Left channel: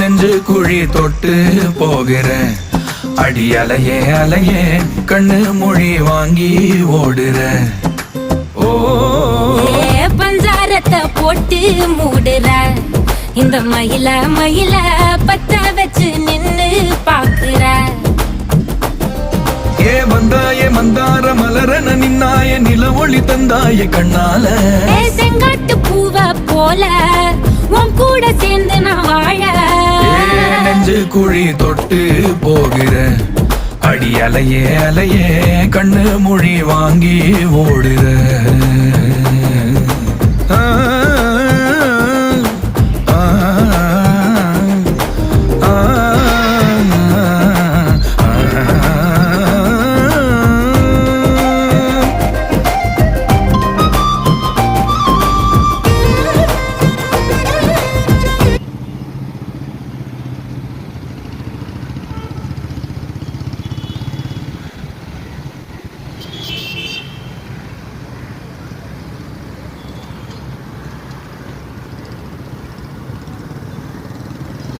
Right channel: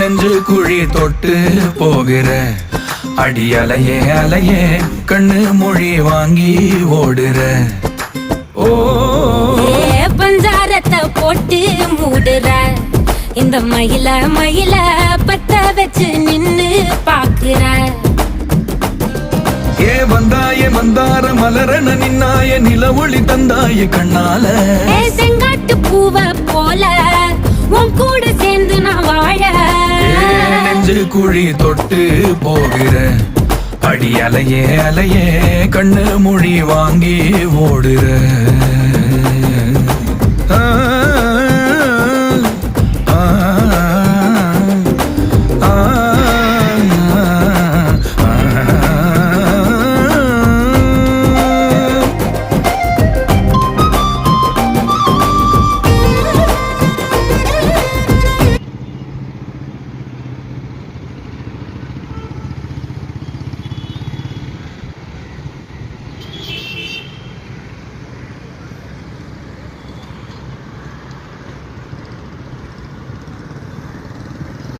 நெஞ்சு குழி தொட்டு போகிற அடி அலையே அலையே கண்ணு மொழி வாங்கி ஓடுற. ஓ பஞ்சாரத்தை போட்டு மூடுற இந்த மயில மயில பத்த வச்சு நின்னு பாக்குற. ஏ வந்தாய மந்தார மலரன நின்னாய நில ஒளி தந்தாய கண்ணால. செங்காட்டு பூவ போல உன் கூட சேர்ந்து நான் வாழ. நெஞ்சு குழி தொட்டு போகிற அடி அலையே அலையே கண்ணு மொழி வாங்கி ஓடுற.